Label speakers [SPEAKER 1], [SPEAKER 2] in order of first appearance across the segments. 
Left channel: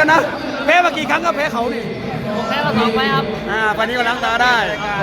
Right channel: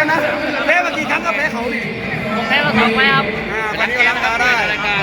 [SPEAKER 1] แล้วนะแพ้มากี่ครั้งก็แพ้เขา
[SPEAKER 2] ผมแพ้มา2 ไฟครับ
[SPEAKER 1] ตอนนี้ก็ทำได้รายการ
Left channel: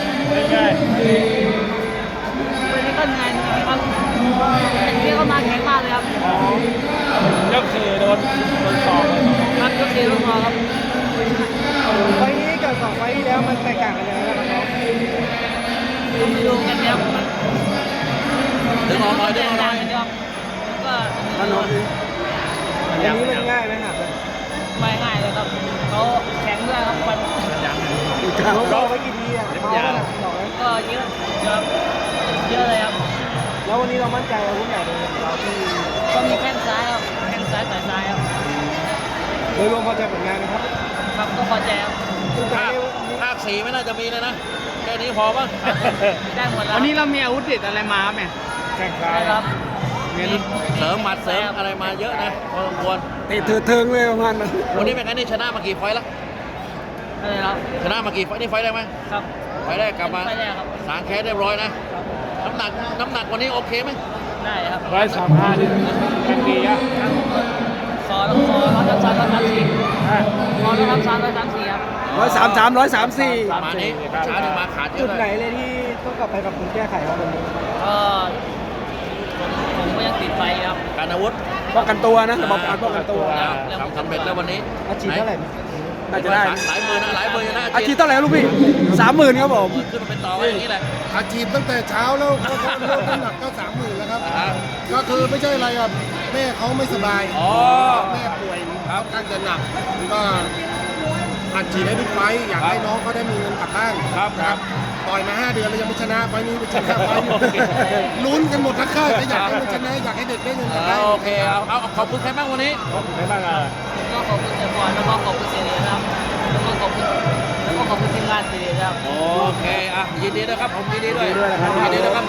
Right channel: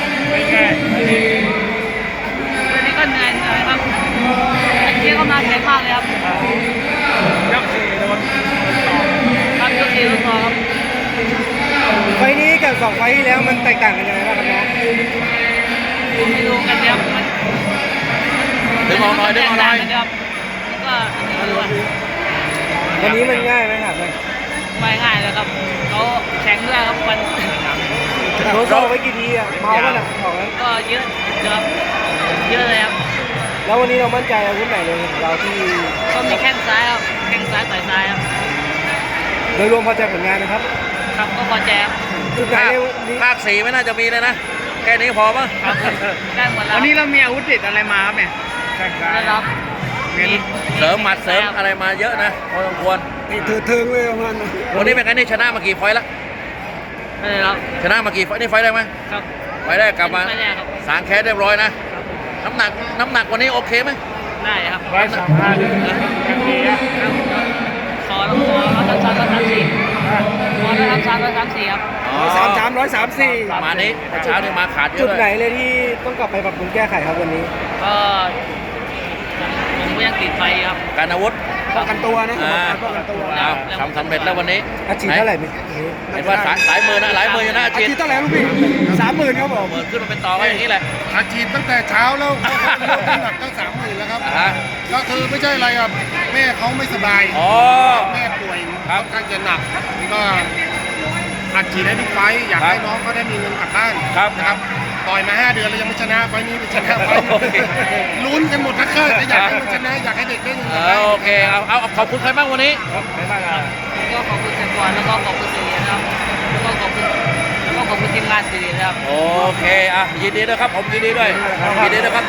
[SPEAKER 2] วันนี้ก็เหนื่อยครับแต่เกียร์ก็มาแข็งมากเลยครับยก4โดนครับยก4ก็พอครับ
[SPEAKER 1] ไฟนี้กับ2 ไฟที่แล้วมันแตกต่างกันยังไงบ้างครับ
[SPEAKER 2] ผมไม่รู้กันครับมันแตกต่างกันครับก็อันนี้ด้วย
[SPEAKER 1] อันนี้มันง่ายไหมครับ
[SPEAKER 2] ไม่ง่ายเลยครับเขาแข็งด้วยครับมัน
[SPEAKER 1] เราไปกี่ทีอ่ะบอกแล้ว
[SPEAKER 2] ก็เยอะครับเยอะเลยครับ
[SPEAKER 1] แล้ววันนี้เรามั่นใจเอาที่ไหนเลยเราที่
[SPEAKER 2] ก็มีแข้งซ้ายครับแข้งซ้ายต่อยซ้ายครับ
[SPEAKER 1] โดยรวมพอใจผลงานนะครับ
[SPEAKER 2] ครับก็พอใจครับ
[SPEAKER 1] ทุกการนี้
[SPEAKER 3] ภาค4ไม่น่าจะมีเลยนะ แค่นี้พอป่ะ
[SPEAKER 2] ครับผมได้หมดแล้ว
[SPEAKER 1] วันนี้เรามีอาวุธเด็ดอะไรมาครับเนี่ย
[SPEAKER 2] ได้ครับ
[SPEAKER 1] เมนู
[SPEAKER 3] เสริมหมัดเสริมอะไรมาเยอะนะพอสมควร
[SPEAKER 1] เทิงเลยประมาณนั้น
[SPEAKER 3] วันนี้เป็นไงนี่ชนะมากี่ไฟล์แล้ว
[SPEAKER 2] ได้ครับ
[SPEAKER 3] ชนะมากี่ไฟล์นี่ไฟล์ได้ไหม
[SPEAKER 2] ครับ
[SPEAKER 3] ไฟล์ได้กลับมา
[SPEAKER 2] ไม่ได้ครับ
[SPEAKER 3] สางแค้นเรียบร้อยนะครับ
[SPEAKER 2] ผม
[SPEAKER 3] น้ำหนักวันนี้โอเคไหม
[SPEAKER 2] ได้ครับ
[SPEAKER 1] 135
[SPEAKER 2] ครับขอ133 134ขอ133 134ครับ
[SPEAKER 1] 133
[SPEAKER 3] ประมาณนี้เช้านี่มาขาดเย
[SPEAKER 1] จุ
[SPEAKER 3] อะ
[SPEAKER 1] ด
[SPEAKER 3] เล
[SPEAKER 1] ไหน
[SPEAKER 3] ย
[SPEAKER 1] เลยที่ต้องกลับไปปรับปรุงแก้ไขครับวันนี้
[SPEAKER 2] ก็ผมก็ยังติดไฟครับ
[SPEAKER 3] การอาวุธ
[SPEAKER 1] ป้องกันตัวนะผมบอกไปป้องกันตัว
[SPEAKER 3] เอาทำสำเร็จแล้ววันนี้
[SPEAKER 1] อาชีพเท่าไหร่เนี่ย
[SPEAKER 3] เห็นว่าหลายหมื่นนะหลายหมื่นนะ
[SPEAKER 1] อาชีพเท่าไหร่ลูกพี่30,000ครับผม
[SPEAKER 3] หมื่นขึ้นมาเป็นต่อไว้อย่างนี้แหละ
[SPEAKER 4] อาชีพตั้งแต่เช้าแล้วเขาลดน้ำหนักตั้ง30,000แล้วครับ
[SPEAKER 3] อ่า
[SPEAKER 4] ก็คือไม่ใช่อะไรครับแม่เขาไม่สบาย
[SPEAKER 3] อ๋อ
[SPEAKER 4] แม่ป่วยค่อนข้างจะหนักก็อัดฉีดให้บิ๊กไฟท์อยากให้น้องเขาได้มีเงินกลับบ้าน
[SPEAKER 3] ครับ
[SPEAKER 4] นะครับต่อยมา5 เดือนแล้วยังไม่ชนะไฟท์นี้ไปชนะไฟท์นี้ลุ้นกันหมดทั้งค่ายแต่อยากให้มันชนะอยากให้เด็กได้เงินกลับบ้าน
[SPEAKER 3] โอเคเอาขอบคุณใครบ้างวันนี้
[SPEAKER 2] ก็ขอบคุณแฟนบอลแล้วก็ขอบคุณสื่อนะครับแล้วก็ขอบคุณทีมงานสื่อนะครับ
[SPEAKER 3] โอเคอ่ะยินดีด้วยครับผมยินดีด้วยยินดีด้วยครับ